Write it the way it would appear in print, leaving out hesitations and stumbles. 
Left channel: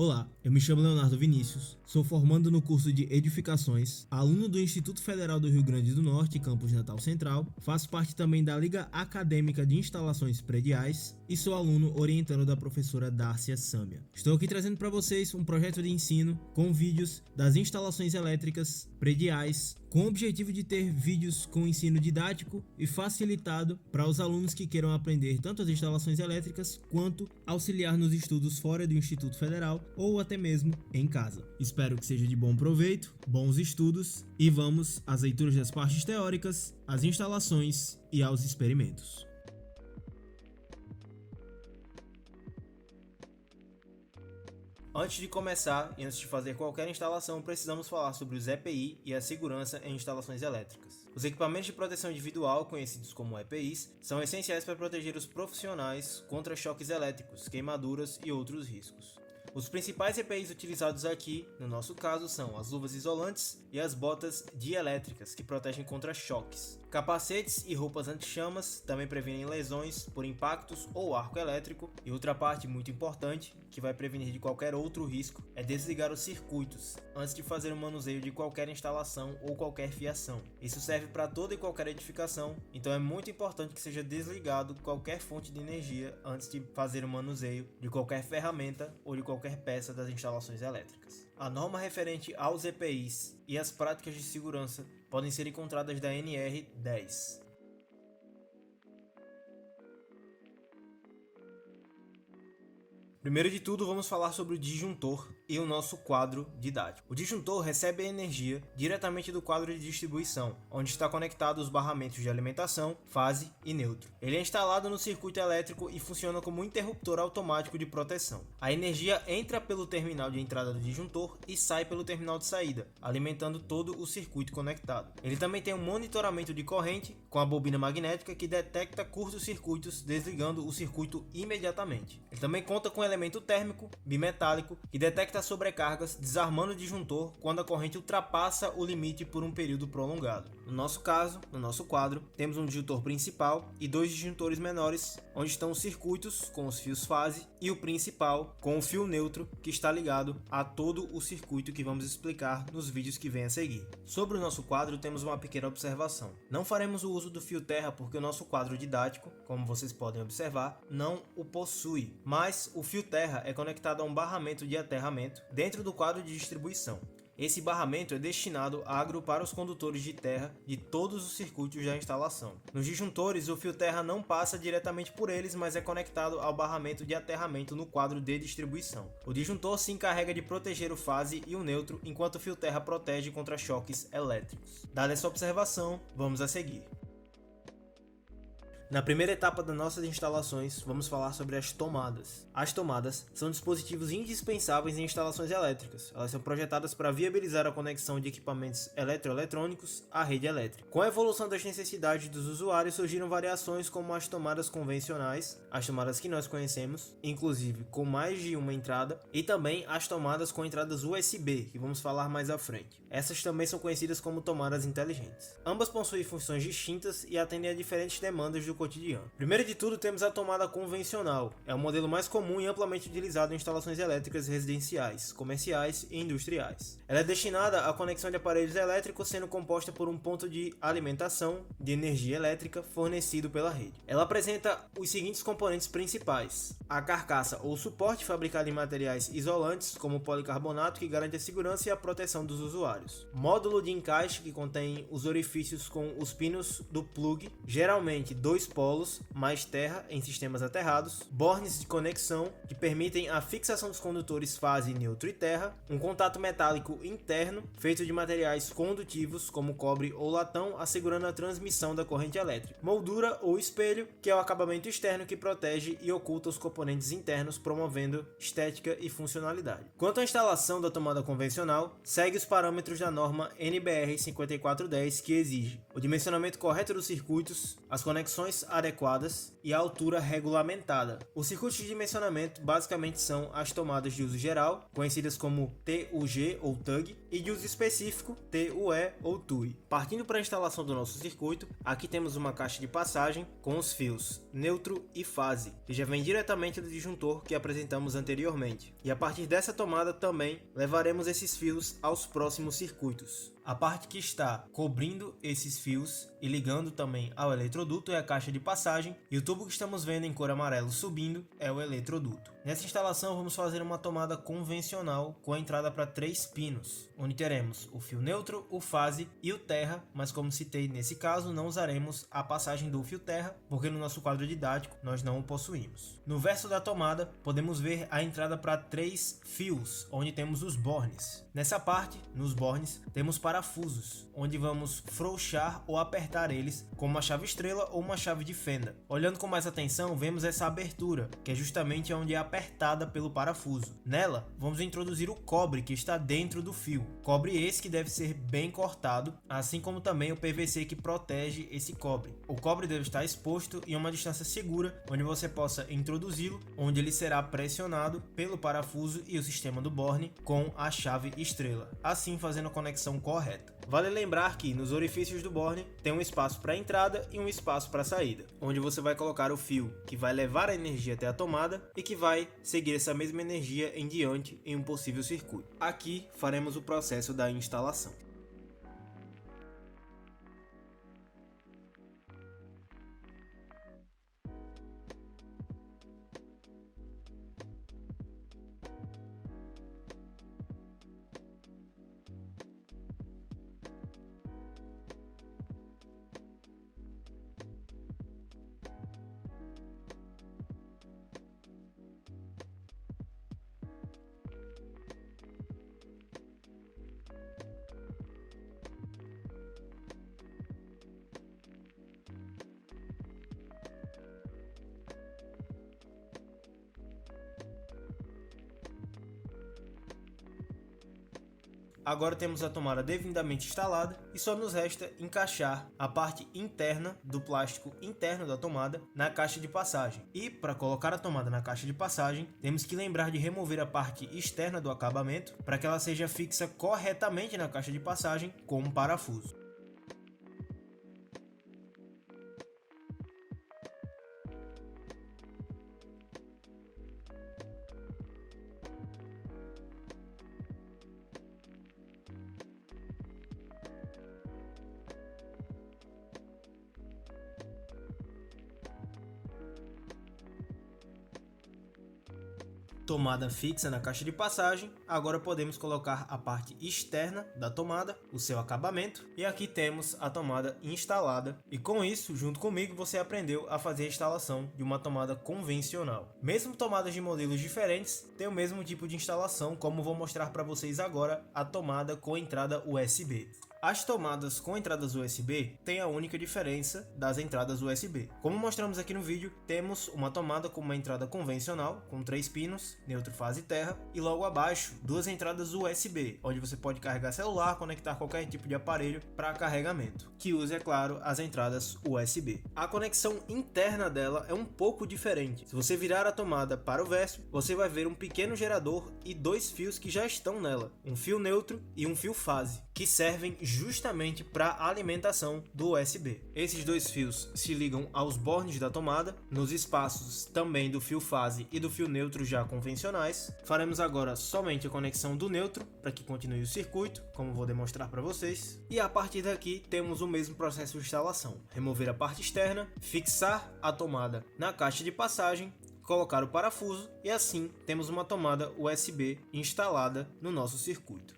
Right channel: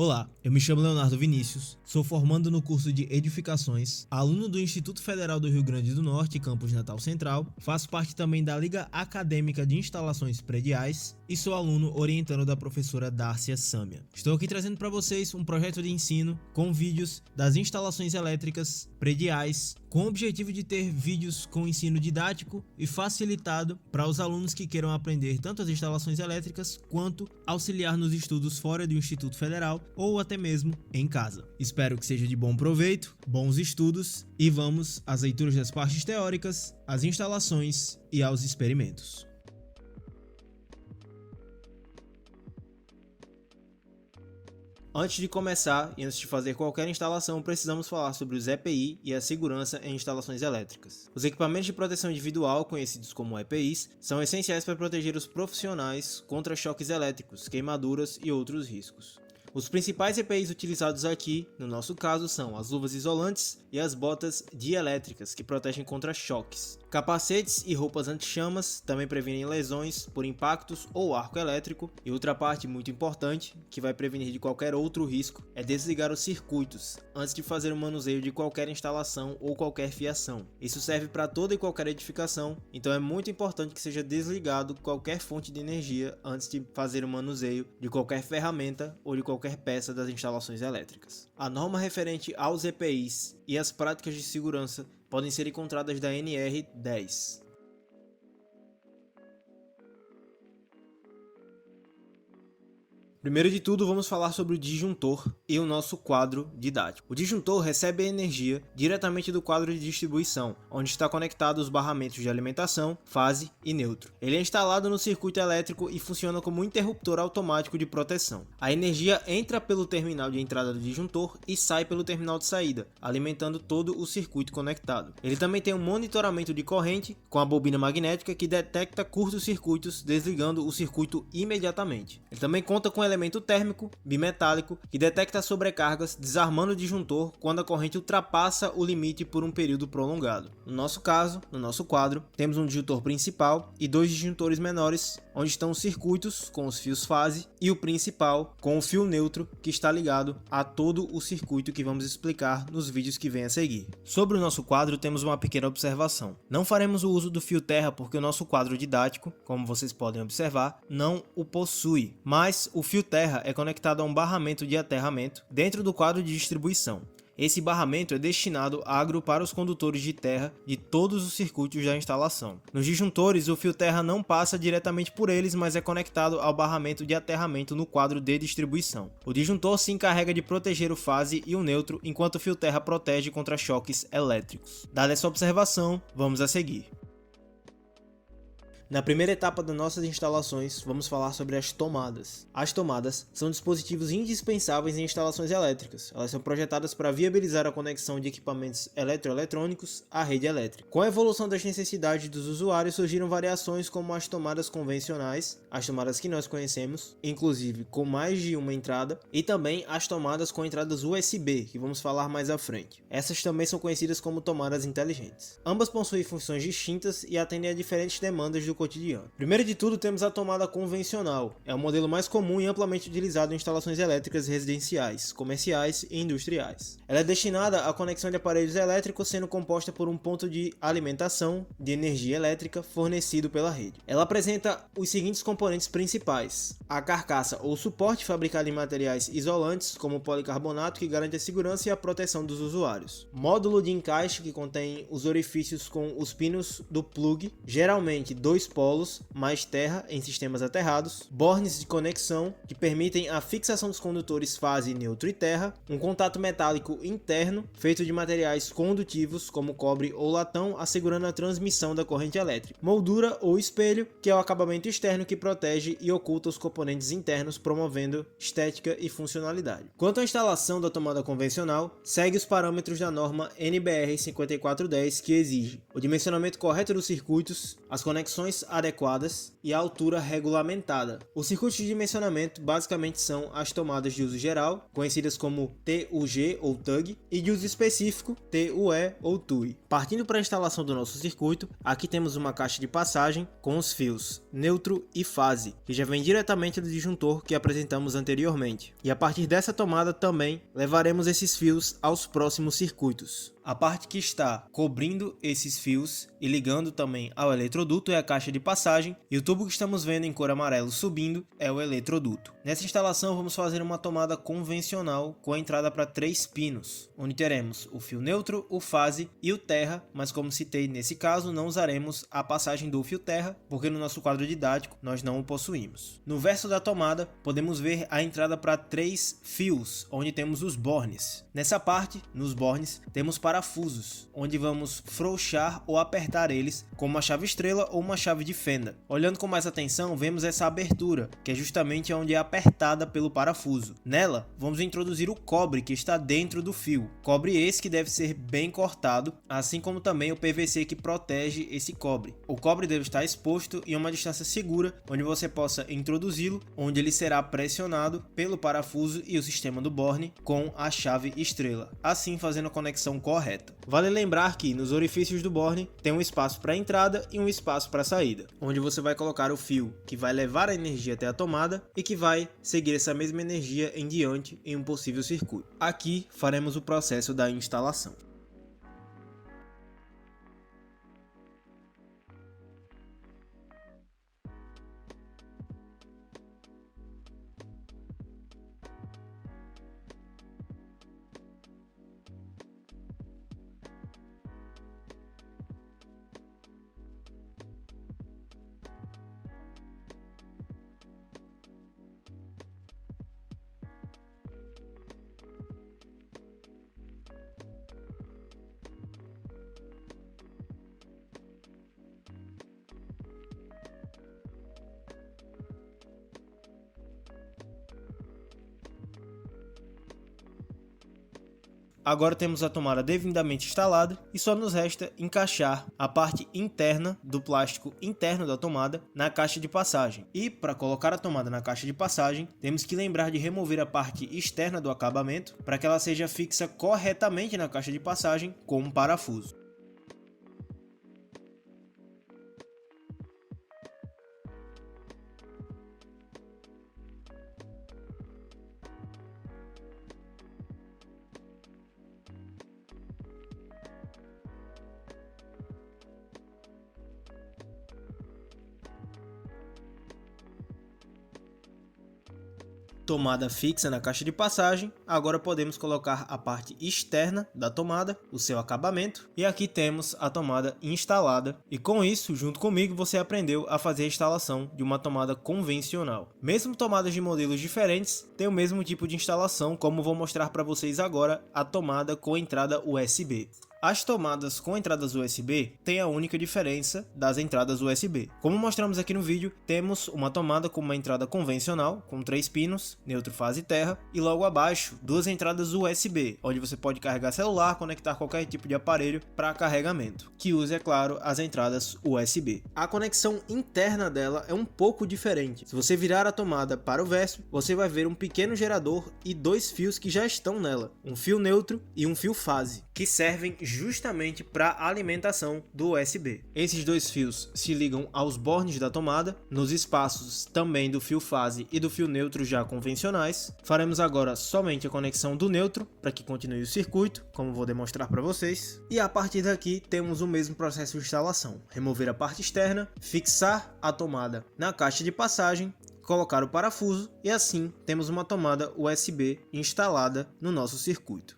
Olá, eu me chamo Leonardo Vinícius, sou formando no curso de Edificações, aluno do Instituto Federal do Rio Grande do Norte, campus Natal Central, faço parte também da Liga Acadêmica de Instalações Prediais e sou aluno orientando da professora Dárcia Sâmia. Estou aqui trazendo para vocês um projeto de ensino com vídeos das instalações elétricas prediais, com o objetivo de ter vídeos com ensino didático e facilitado para os alunos que queiram aprender tanto as instalações elétricas quanto auxiliar nos estudos fora do Instituto Federal ou até mesmo em casa. Espero que seja de bom proveito, bons estudos e vamos às leituras das partes teóricas, às instalações e aos experimentos. Antes de começar e antes de fazer qualquer instalação, precisamos falar sobre os EPI e a segurança em instalações elétricas. Os equipamentos de proteção individual, conhecidos como EPIs, são essenciais para proteger os profissionais contra choques elétricos, queimaduras e outros riscos. Os principais EPIs utilizados aqui, no nosso caso, são as luvas isolantes e as botas dielétricas, que protegem contra choques. Capacetes e roupas anti-chamas também previnem lesões por impactos ou arco elétrico. E outra parte muito importante, que vai prevenir de qualquer outro risco, é desligar os circuitos antes de fazer o manuseio de qualquer instalação ou qualquer fiação. Isso serve para toda e qualquer edificação, então é muito importante que seja desligado qualquer fonte de energia antes de fazer o manuseio de qualquer ferramenta ou de qualquer peça das instalações elétricas. A norma referente aos EPIs e as práticas de segurança podem ser encontradas da NR10. Primeiro de tudo, vamos falar sobre o disjuntor e o nosso quadro didático. O disjuntor recebe a energia diretamente do quadro de distribuição, onde está conectado os barramentos de alimentação, fase e neutro. Ele é instalado no circuito elétrico e funciona como um interruptor automático de proteção. A energia entra pelo terminal de entrada do disjuntor e sai pelo terminal de saída, alimentando todo o circuito conectado. Ele também tem um monitoramento de corrente com a bobina magnética que detecta curtos circuitos, desligando o circuito imediatamente. Ele também conta com elemento térmico bimetálico que detecta sobrecargas, desarmando o disjuntor quando a corrente ultrapassa o limite por um período prolongado. No nosso caso, no nosso quadro, temos um disjuntor principal e dois disjuntores menores, onde estão os circuitos com os fios fase e o principal com o fio neutro que está ligado a todo o circuito que vamos explicar nos vídeos que vêm a seguir. Sobre o nosso quadro, temos uma pequena observação. Não faremos o uso do fio terra porque o nosso quadro didático, como vocês podem observar, não o possui, mas o fio terra é conectado a um barramento de aterramento dentro do quadro de distribuição. Esse barramento é destinado a agrupar os condutores de terra de todos os circuitos da instalação. Nos disjuntores, o fio terra não passa diretamente por eles, mas é conectado ao barramento de aterramento no quadro de distribuição. O disjuntor se encarrega de proteger o fase e o neutro, enquanto o fio terra protege contra choques elétricos. Dada essa observação, vamos a seguir. Na primeira etapa das nossas instalações, vamos falar sobre as tomadas. As tomadas são dispositivos indispensáveis em instalações elétricas. Elas são projetadas para viabilizar a conexão de equipamentos eletroeletrônicos à rede elétrica. Com a evolução das necessidades dos usuários, surgiram variações como as tomadas convencionais, as tomadas que nós conhecemos, inclusive com mais de uma entrada, e também as tomadas com entradas USB, que vamos falar mais à frente. Essas também são conhecidas como tomadas inteligentes. Ambas possuem funções distintas e atendem a diferentes demandas do cotidiano. Primeiro de tudo, temos a tomada convencional. É o modelo mais comum e amplamente utilizado em instalações elétricas residenciais, comerciais e industriais. Ela é destinada à conexão de aparelhos elétricos, sendo composta por um ponto de alimentação de energia elétrica fornecido pela rede. Ela apresenta os seguintes componentes principais: a carcaça ou suporte fabricado em materiais isolantes, como policarbonato, que garante a segurança e a proteção dos usuários. Módulo de encaixe, que contém os orifícios com os pinos do plug, geralmente dois polos mais terra em sistemas aterrados, bornes de conexão que permitem a fixação dos condutores fase, neutro e terra, um contato metálico interno feito de materiais condutivos como cobre ou latão, assegurando a transmissão da corrente elétrica, moldura ou espelho, que é o acabamento externo que protege e oculta os componentes internos, promovendo estética e funcionalidade. Quanto à instalação da tomada convencional, segue os parâmetros da norma NBR 5410, que exige o dimensionamento correto dos circuitos, as conexões dimensões adequadas e a altura regulamentada. Os circuitos de dimensionamento basicamente são as tomadas de uso geral, conhecidas como TUG ou TUG, e de uso específico, TUE ou TUI. Partindo para a instalação do nosso circuito, aqui temos uma caixa de passagem com os fios neutro e fase, que já vem diretamente do disjuntor que apresentamos anteriormente. E a partir dessa tomada também levaremos esses fios aos próximos circuitos. A parte que está cobrindo esses fios e ligando também ao eletroduto é a caixa de passagem, e o tubo que estamos vendo em cor amarelo subindo é o eletroduto. Nessa instalação vamos fazer uma tomada convencional com a entrada para 3 pinos, onde teremos o fio neutro, o fase e o terra, mas como citei nesse caso não usaremos a passagem do fio terra, porque no nosso quadro didático nós não o possuímos. No verso da tomada podemos ver a entrada para 3 fios, onde temos os bornes. Nessa parte, nos bornes, temos parafusos, onde vamos frouxar ou apertar eles com uma chave estrela ou uma chave de fenda. Olhando com mais atenção, vemos essa abertura, que é justamente onde é apertada pelo parafuso. Nela, vamos introduzir o cobre que está dentro do fio. Cobre esse que deve ser bem cortado, assim como também o PVC que protege esse cobre. O cobre deve estar exposto em uma distância segura, onde você possa introduzi-lo, onde ele será pressionado pelo parafuso e o sistema do borne com a chave estrela, assim fazendo a conexão correta. Vale lembrar que nos orifícios do borne tem um espaço para entrada e um espaço para saída, onde você vai colocar o fio que vai levar a energia até a tomada e que vai seguir essa mesma energia em diante em um possível circuito. Aqui faremos o processo da instalação. Agora temos a tomada devidamente instalada e só nos resta encaixar a parte interna do plástico interno da tomada na caixa de passagem. E para colocar a tomada na caixa de passagem, temos que lembrar de remover a parte externa do acabamento para que ela seja fixa corretamente na caixa de passagem com um parafuso. Tomada fixa na caixa de passagem, agora podemos colocar a parte externa da tomada, o seu acabamento, e aqui temos a tomada instalada. E com isso, junto comigo, você aprendeu a fazer a instalação de uma tomada convencional. Mesmo tomadas de modelos diferentes têm o mesmo tipo de instalação, como vou mostrar para vocês agora a tomada com entrada USB. As tomadas com entradas USB têm a única diferença das entradas USB. Como mostramos aqui no vídeo, temos uma tomada com uma entrada convencional, com 3 pinos, neutro, fase e terra, e logo abaixo, 2 entradas USB, onde você pode carregar celular, conectar qualquer tipo de aparelho para carregamento, que usa, é claro, as entradas USB. A conexão interna dela é um pouco diferente. Se você virar a tomada para o verso, você vai ver um pequeno gerador e 2 fios que já estão nela, um fio neutro e um fio fase, que servem justamente para a alimentação do USB. Esses 2 fios se ligam aos bornes da tomada, nos espaços também do fio fase e do fio neutro já convencionais. Faremos agora somente a conexão do neutro para que continue o circuito, como vou demonstrar para vocês. E a partir daqui temos o mesmo processo de instalação: remover a parte externa, fixar a tomada na caixa de passagem, colocar o parafuso e assim temos uma tomada USB instalada no nosso circuito.